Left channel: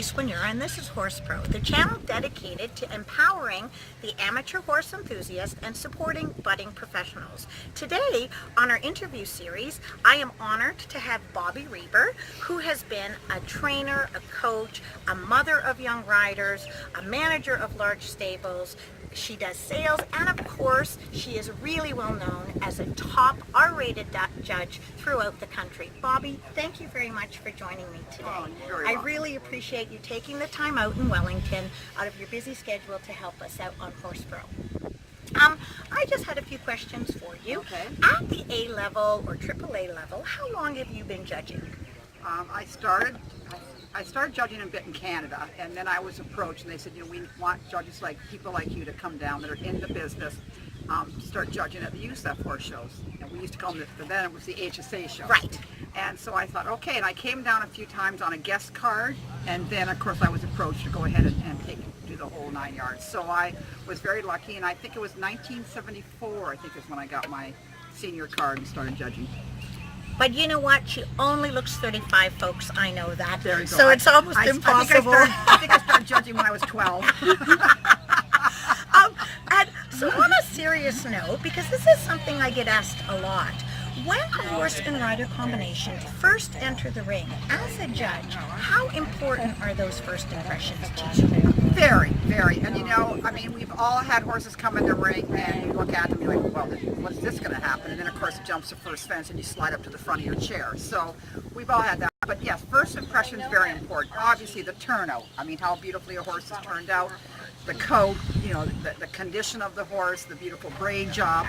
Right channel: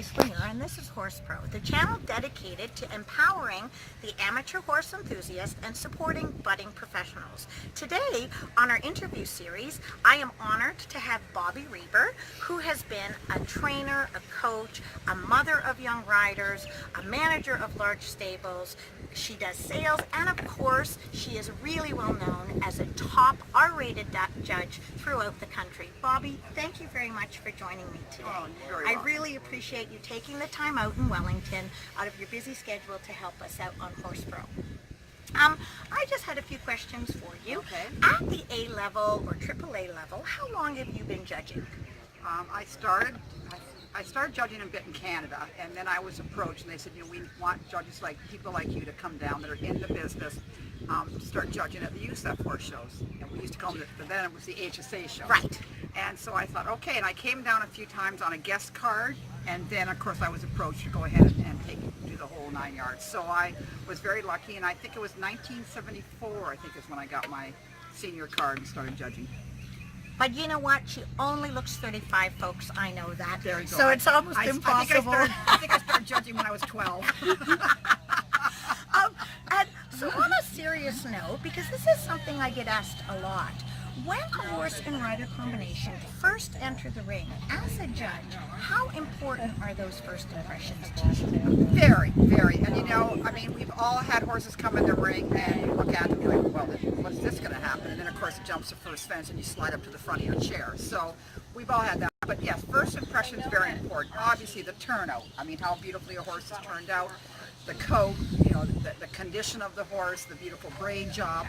Grace Winura, and this is Horsepro, the channel dedicated to empowering the amateur horse enthusiast and supporting budding professionals. Today, on our interview series, I am honored to have Bobbie Rebor, who has been a trainer, a coach, a mother of young riders, a manager of large stables. She does sales, and of course, she is really well known as a top R-rated judge throughout the country. Bobbie, thank you very much for joining me today. Oh, you're I welcome. really appreciate you taking the time out in Wellington, out of your busy schedule, to help us out on Horsepro. I just had a few questions for you. Okay. At the A level or AAA level, how long have you been judging? I started judging a bit in Canada, and then I was approached, and they said, we want judges like people like you to come down that are in the business, start judging at the USEF horse shows. And we used to call them, then it was the HSA show. Right. And so I thought, okay, and I came down a few times on a guest card, and then of course I was approached to go ahead and do the whole 9 yards. So I was very lucky, and I think it was 1974, I think is when I got my senior card and started judging. But you know what? She only looks 35, folks. I know that. There you go. So it's almost impossible. I think I started judging when I was 12. And so on a serious note, because this is something I get asked a lot, when a horse and rider combination first enter the ring, as a judge, how important are those first impressions to you? Very, very. And we've all had horses come in the ring and you look at them and you're like, well, what's this going to happen? And then of course it jumps the first fence and you slide up to the front of your chair. So we've all had that. But yes, first impression is very important. Obviously the turnout. How beautifully a horse is turned out. The coat, the condition of the horse, the beautiful braid job.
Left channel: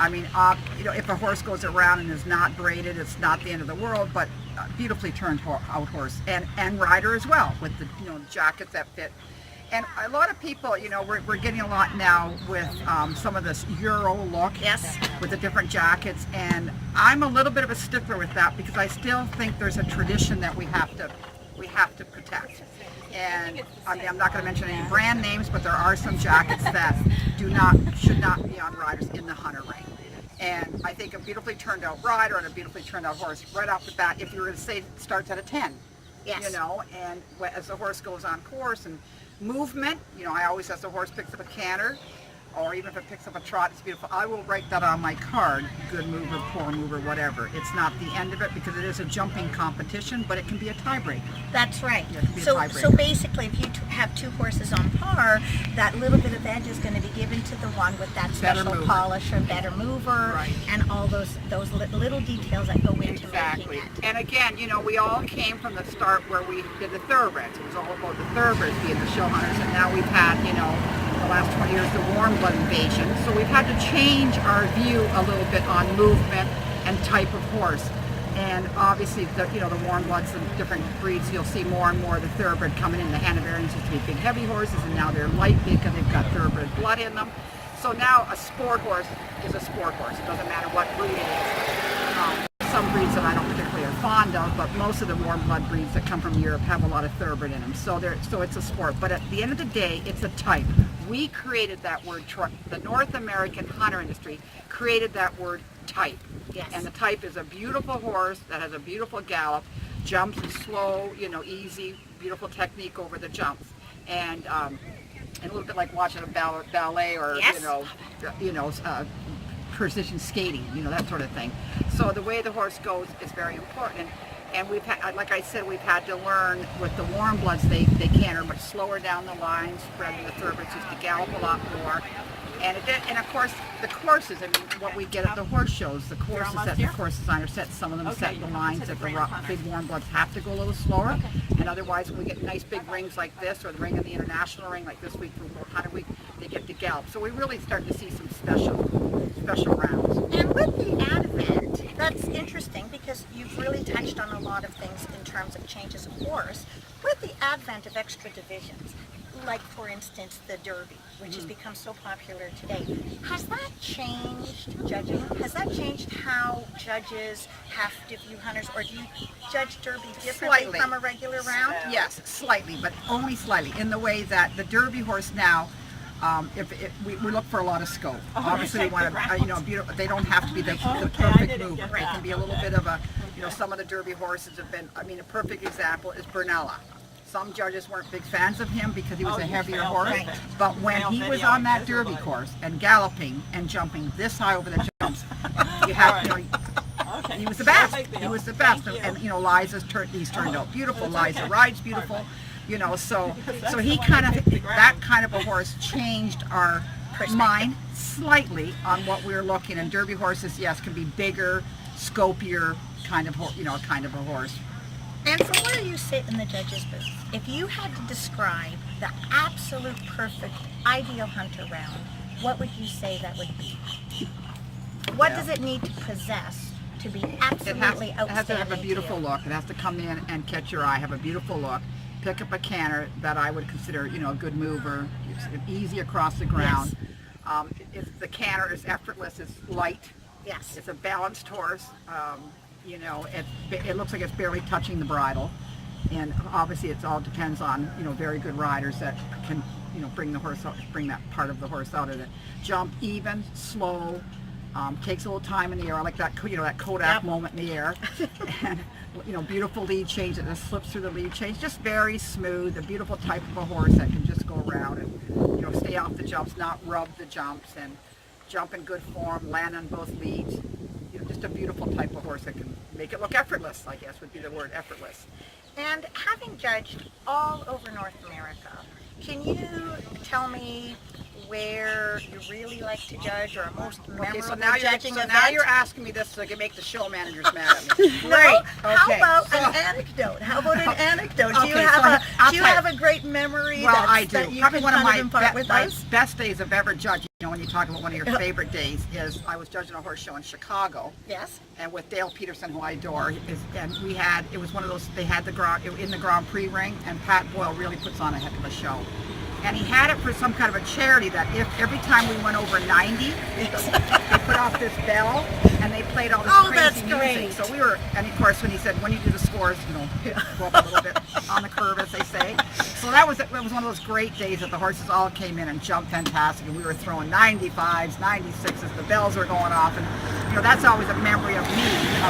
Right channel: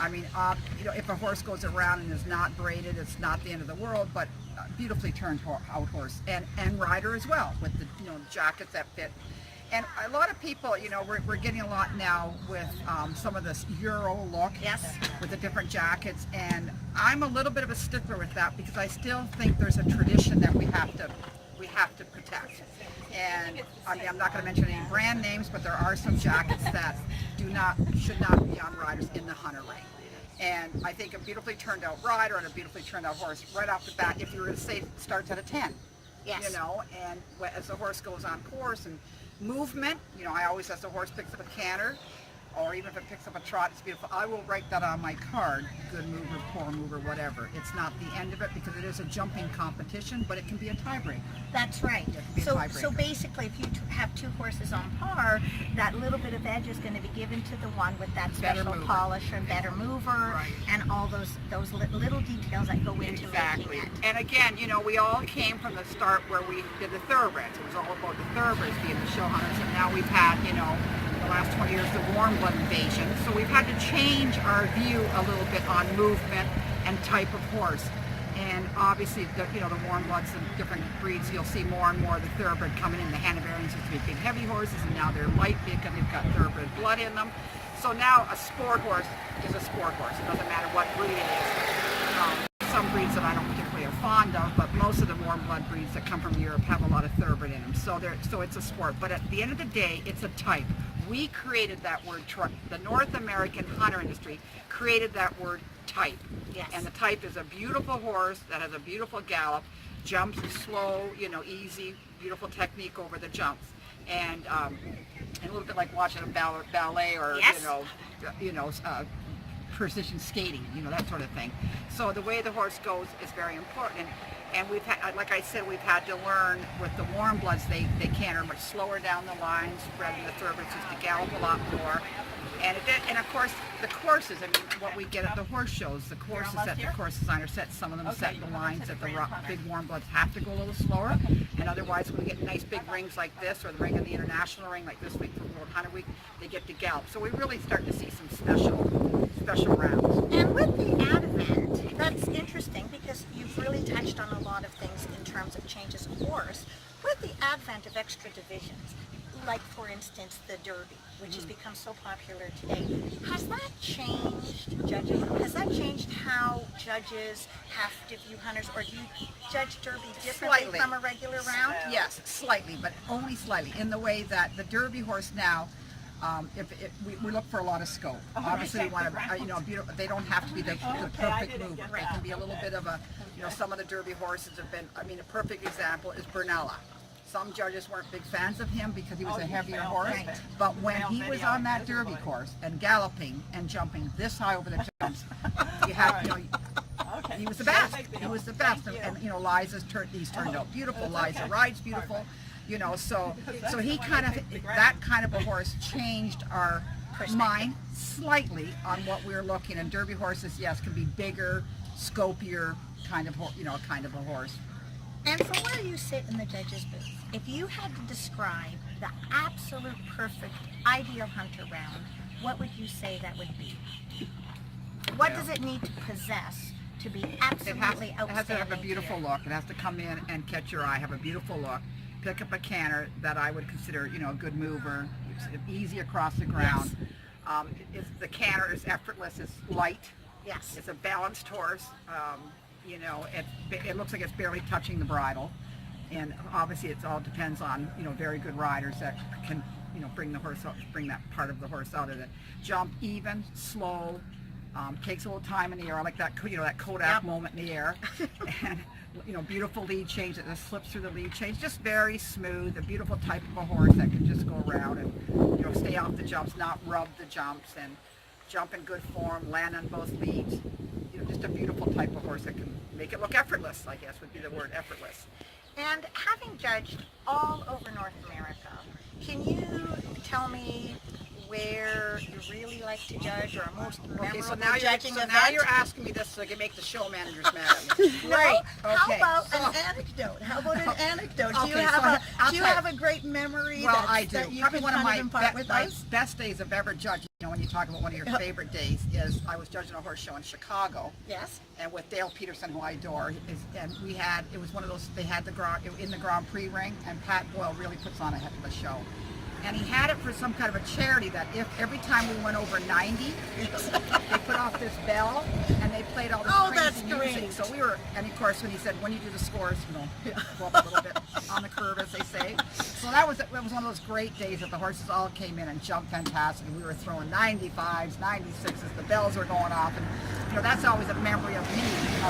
If a horse goes around and is not braided, it's not the end of the world, but beautifully turned out horse. And rider as well, with the jackets that fit. And a lot of people, we're getting a lot now with some of this Euro look. Yes. With the different jackets, and I'm a little bit of a stickler with that because I still think there's a tradition that we have to protect. And I'm not going to mention any brand names, but there are some jackets that should not be on riders in the hunter ring. And I think a beautifully turned out rider and a beautifully turned out horse right off the bat, if you were to say starts at a 10, Yes. and as the horse goes on course and movement, I always, as the horse picks up a canter, or even if it picks up a trot, it's beautiful. I will write that on my card, good mover, poor mover, whatever. It's not the end of it because it is a jumping competition, but it can be a tiebreaker. That's right. Yeah, it can be a So tiebreaker. basically, if you have two horses on par, that little bit of edge is going to be given to the one with that Better special mover. polish or better mover, Right. and all those little details that go into Exactly. making it. And again, we all came from the start where we did the thoroughbreds. It was all about the thoroughbreds being the show hunters, and now we've had, the last 20 years, the warm blood invasion. So we've had to change our view a little bit on movement and type of horse. And obviously, the warm bloods and different breeds, you'll see more and more of the thoroughbred coming in. The Hanoverians used to be big, heavy horses, and now they're light because they've got thoroughbred blood in them. So now a sport horse is a sport horse. It doesn't matter what breed it is. Some breeds that I don't particularly are fond of, but most of the warm blood breeds that come from Europe have a lot of thoroughbred in them. So it's a sport. But at the end of the day, it's a type. We created that word. The North American hunter industry created that word type. Yes. And the type is a beautiful horse that has a beautiful gallop, jumps slow, easy, beautiful technique over the jumps, and a little bit like watching a ballet or Yes. Precision skating, that sort of thing. So the way the horse goes is very important. And we've had, like I said, we've had to learn with the warm bloods, they canter much slower down the lines, rather than the thoroughbreds used to gallop a lot more. And of course, the courses, what we get at the horse shows, the courses that the course designer sets, some of them set the lines that the big warm bloods have to go a little slower. And otherwise, when we get nice big rings like this, or the ring in the international ring, like this week for World Hunter Week, they get to gallop. So we really start to see some special rounds. And with the advent, that's interesting because you've really touched on a lot of things in terms of changes of horse. With the advent of extra divisions, like for instance the Derby, which has become so popular today, has that changed judging? Has that changed how judges have to view hunters, or do you judge Derby differently Slightly. from a regular round? Yes, slightly, but only slightly, in the way that the Derby horse now, we look for a lot of scope. Obviously, we want to, beautiful. They don't have to be the perfect mover. They can be a little bit of a, some of the Derby horses have been. A perfect example is Bernella. Some judges weren't big fans of him because he was a heavier horse. Right. But when he was on that Derby course and galloping and jumping this high over the jumps, you had, you know, he was the best. He was the best. And you know, he's turned out beautiful. Liza rides beautiful. You know, so he kind of, that kind of a horse changed our mind slightly on what we were looking. And Derby horses, yes, can be bigger, scopier, kind of a horse. And from where you sit in the judge's booth, if you had to describe the absolute perfect ideal hunter round, what would you say that would be? What does it need to possess to be absolutely outstanding? It has to have a beautiful look. It has to come in and catch your eye, have a beautiful look. Pick up a canter that I would consider, you know, a good mover. It's easy across the ground. Yes. The canter is effortless. It's light. Yes. It's a balanced horse. You know, it looks like it's barely touching the bridle, and obviously it all depends on, you know, very good riders that can, you know, bring that part of the horse out of it. Jump even, slow, takes a little time in the air. I like that, you know, that Kodak moment in the air, and you know, beautiful lead change that just slips through the lead change, just very smooth. A beautiful type of a horse that can just go around and, you know, stay off the jumps, not rub the jumps, and jump in good form, land on both leads. You know, just a beautiful type of horse that can make it look effortless, I guess would be the word, effortless. And having judged all over North America, can you tell me where you really like to judge, or a most memorable judging event? Now you're asking me this so I can make the show managers mad at me. Right. Okay, How about an anecdote? How about an anecdote? Do you have a great memory that you Probably can one of kind my of impart with us? best days I've ever judged. You know, when you talk about one of your favorite days, is I was judging a horse show in Chicago. Yes. And with Dale Peterson, who I adore, and it was one of those, they had in the Grand Prix ring, and Pat Boyle really puts on a heck of a show. And he had it for some kind of a charity that if every time we went over 90, they put off this bell and they played all this crazy music. Great. So we were, and of course when he said, when you do the scores, you know, go up a little bit on the curve, as they say. So that was one of those great days that the horses all came in and jumped fantastic, and we were throwing 95s, 96s, the bells were going off, and you know, that's always a memory of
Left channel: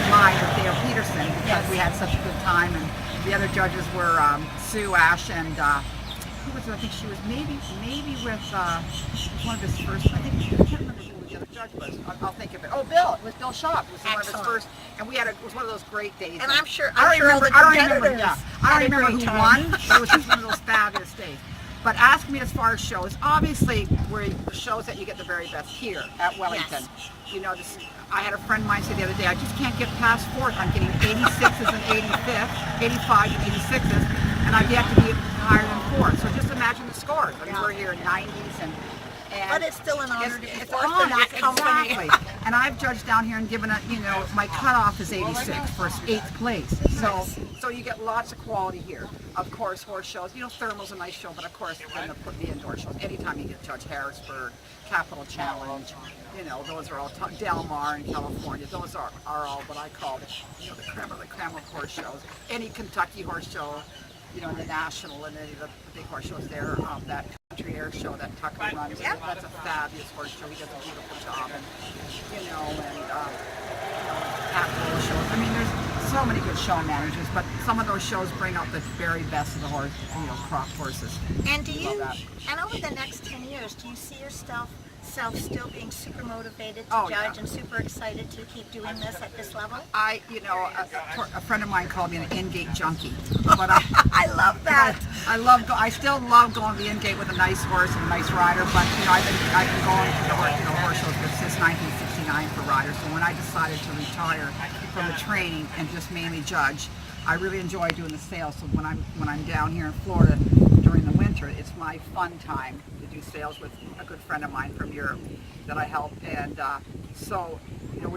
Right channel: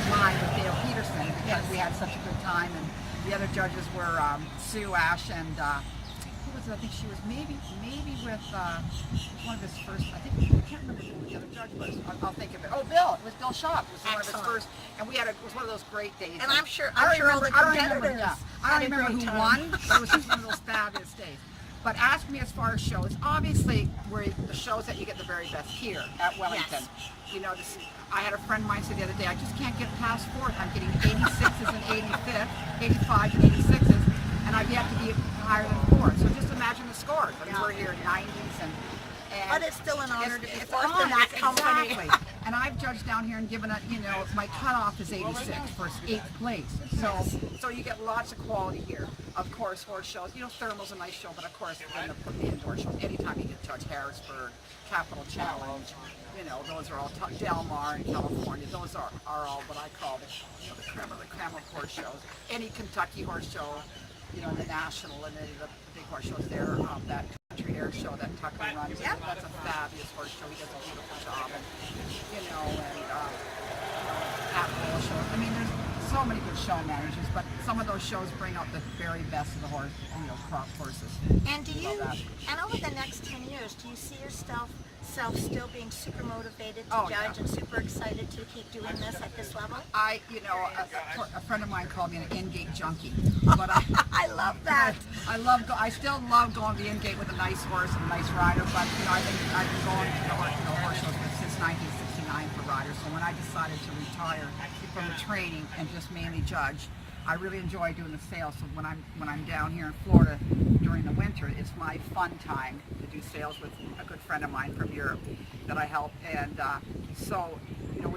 mine with Dale Peterson, because we had such a good time. And the other judges were Sue, Ash, and who was it? I think she was maybe with one of his first, I can't remember who the other judge was. I'll think of it. Oh, Bill. It was Bill Schaub. It was one of his first, and it was one of those great days. And I'm sure I don't remember who time. won, but it was just one of those fabulous days. But ask me as far as shows. Obviously, we're the shows that you get the very best here at Wellington. Yes. You know, I had a friend of mine say the other day, I just can't get past fourth. I'm getting 86s and 85s and 86s, and I've yet to be higher than fourth. So just imagine the scores. I mean, we're here in 90s, and But it's still an honor to be it's fourth in that company. Exactly. And I've judged down here and given it, you know, my cutoff is 86 for 8th place. So you get lots of quality here. Of course, horse shows. You know, Thermal's a nice show, but of course, then the indoor shows. Anytime you get Judge Harrisburg, Capital Challenge, you know, those are all Del Mar in California. Those are all what I call the creme of horse shows. Any Kentucky horse show, you know, in the National and any of the big horse shows there. That Country Air show that Tucker runs, that's a fabulous horse show. He does a beautiful job, and you know, Pat Boyle shows. I mean, there's so many good show managers, but some of those shows bring out the very best of the horse, you know, crop horses. And and over the next 10 years, do you see yourself still being super motivated to judge and super excited to keep doing this at this level? A friend of mine called me an in-gate junkie, but I love that. I still love going to the in-gate with a nice horse and a nice rider. But you know, I've been going to horse shows since 1969 for riders. So when I decided to retire from the training and just mainly judge, I really enjoy doing the sales. So when I'm down here in Florida during the winter, it's my fun time to do sales with a good friend of mine from Europe that I help, and so you know,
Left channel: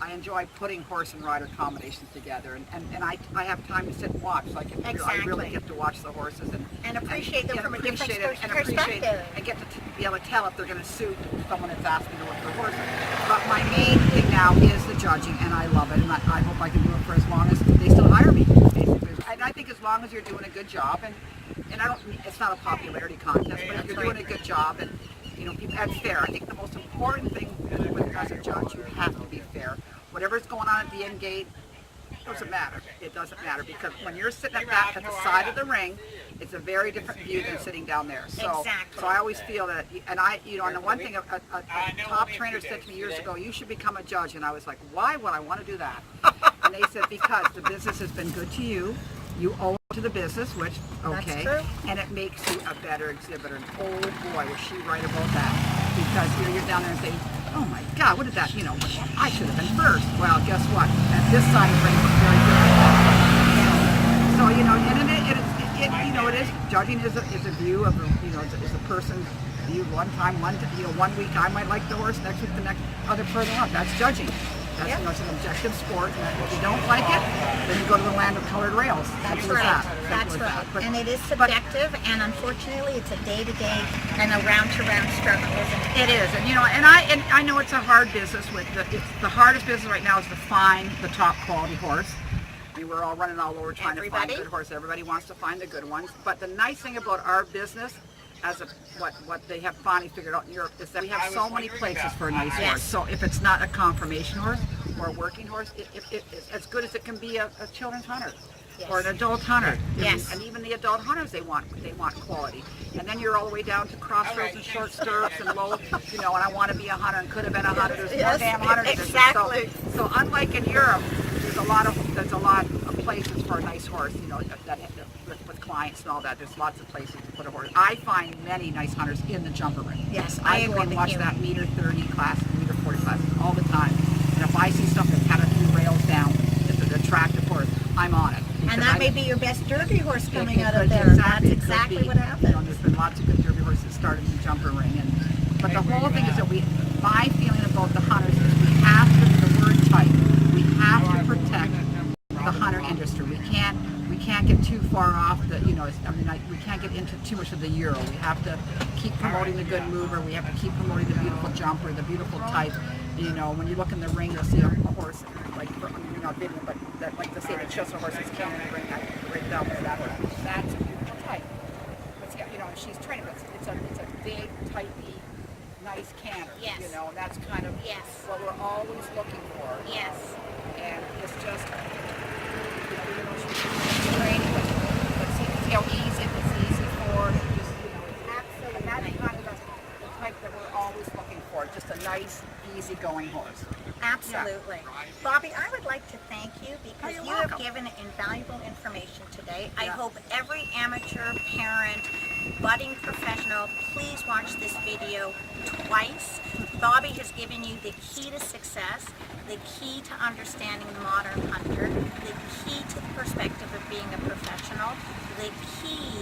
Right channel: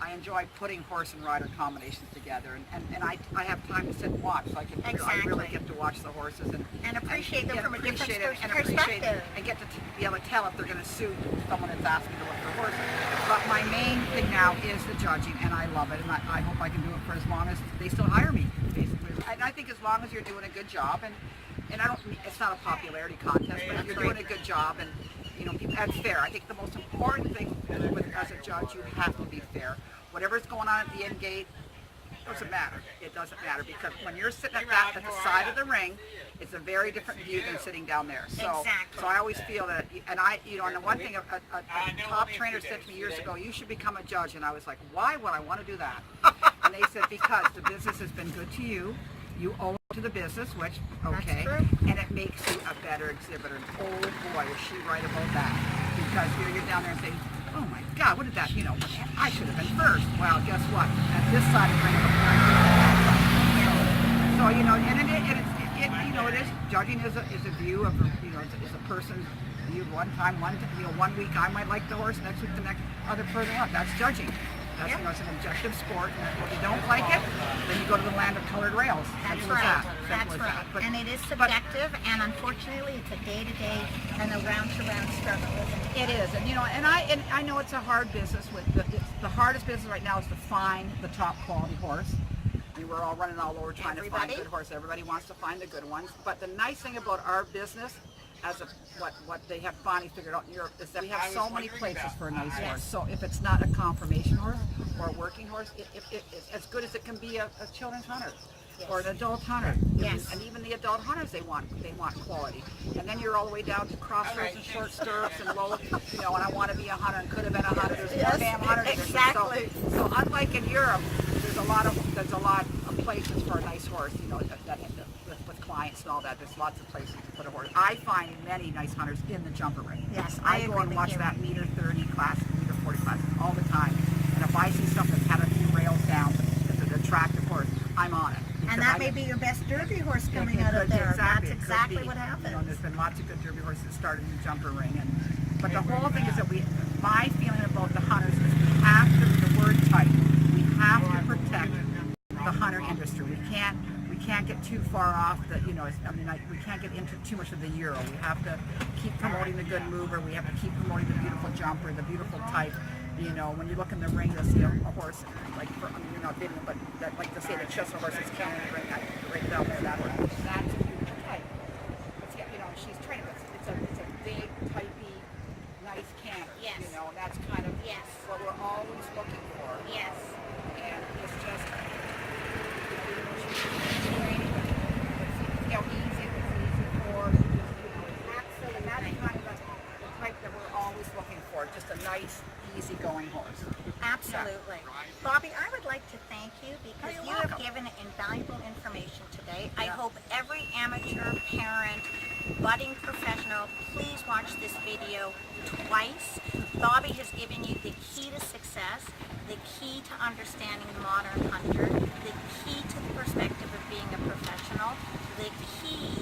I enjoy putting horse and rider combinations together, and I have time to sit and watch, so I really get to watch the horses and appreciate them from a different perspective, and get to be able to tell if they're going to suit someone that's asking to look for horses. But my main thing now is the judging, and I love it, and I hope I can do it for as long as they still hire me, basically. And I think as long as you're doing a good job, and it's not a popularity contest, but if you're doing a good job, and you know, and fair. I think the most important thing as a judge, you have to be fair. Whatever's going on at the end gate, Doesn't matter. It doesn't matter because when you're sitting at the side of the ring, it's a very different view than sitting down there. So, Exactly. so I always feel that, and and the one thing a top trainer said to me years ago, you should become a judge, and I was like, why would I want to do that? And they said because the business has been good to you. You owe it to the business, which, okay, That's true. and it makes you a better exhibitor. And oh boy, was she right about that. Because here you're down there and saying, oh my God, what did that, I should have been first. Well, guess what? At this side of the ring, it's very good. So and it is, judging is a view of, is a person's view one time, one week I might like the horse, next week the next, other further on. That's judging. That's, it's an objective sport, and if you don't like it, then you go to the land of colored rails. That's Simple as right. that. That's Simple as right. that. But, and it is subjective, and unfortunately, it's a day-to-day and a round-to-round struggle, isn't it? it is, and I know it's a hard business. The hardest business right now is to find the top quality horse. I mean, we're all running all over trying to find a good horse. Everybody wants to find the good ones. But the nice thing about our business, what they have finally figured out in Europe, is that we have so many places for a nice horse. So if it's not a conformation horse or a working horse, it's as good as it can be a children's hunter. Yes. Or an adult hunter. Yes. And even the adult hunters, they want quality. And then you're all the way down to crossroads and short stirrups and low, and I want to be a hunter and could have been a hunter. There's more damn hunters. Exactly. So unlike in Europe, there's a lot of places for a nice horse, with clients and all that. There's lots of places to put a horse. I find many nice hunters in the jumper ring. Yes, I go and watch that meter 30 class, meter 40 classes all the time. And if I see something that's had a few rails down, it's an attractive horse, I'm on it. And that may be your best Derby horse coming out of there. That's exactly what happened. There's been lots of good Derby horses that started in the jumper ring. But the whole thing is that my feeling about the hunters is we have to, the word type, we have to protect the hunter industry. We can't get too far off we can't get into too much of the Euro. We have to keep promoting the good mover. We have to keep promoting the beautiful jumper, the beautiful type. When you look in the ring, you'll see a horse, video, but like to say that shows a horse is cannon in the ring. I right down there that way. That's a beautiful type. She's training. It's a big, typey, nice cannon. Yes. And that's kind of what we're always looking for. Yes. And it's just, she's trained, but see how easy for absolutely. And that's kind of the type that we're always looking for. Just a nice, easygoing horse. Absolutely. Bobbie, I would like to thank you because you're you welcome. have given invaluable information today. I hope every amateur, parent, budding professional, please watch this video twice. Bobbie has given you the key to success, the key to understanding the modern hunter, the key to the perspective of being a professional, the key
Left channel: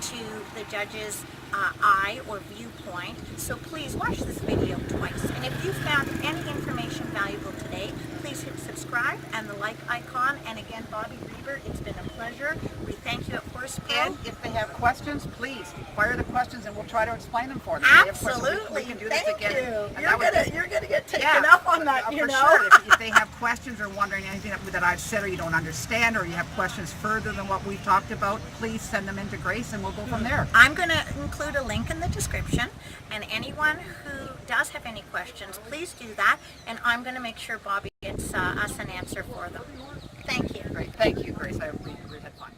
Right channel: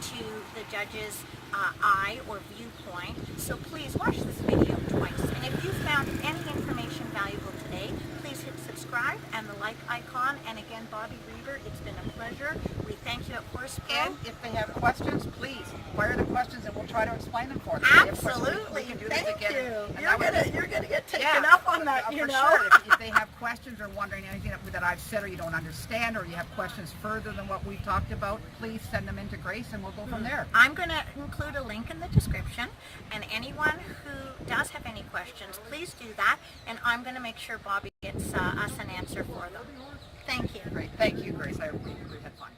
to the judge's eye or viewpoint. So please watch this video twice. And if you found any information valuable today, please hit subscribe and the like icon. And again, Bobbie Rebor, it's been a pleasure. We thank you at Horsepro. And if they have questions, please fire the questions and we'll try to explain them for them. Absolutely. We can do Thank this again. you. You're gonna get taken up on that, for sure. If they have questions or wondering anything that I've said or you don't understand or you have questions further than what we've talked about, please send them into Grace and we'll go from there. I'm going to include a link in the description, and anyone who does have any questions, please do that, and I'm going to make sure Bobbie gets us an answer for them. Thank you. Great. Thank you, Grace. We had fun.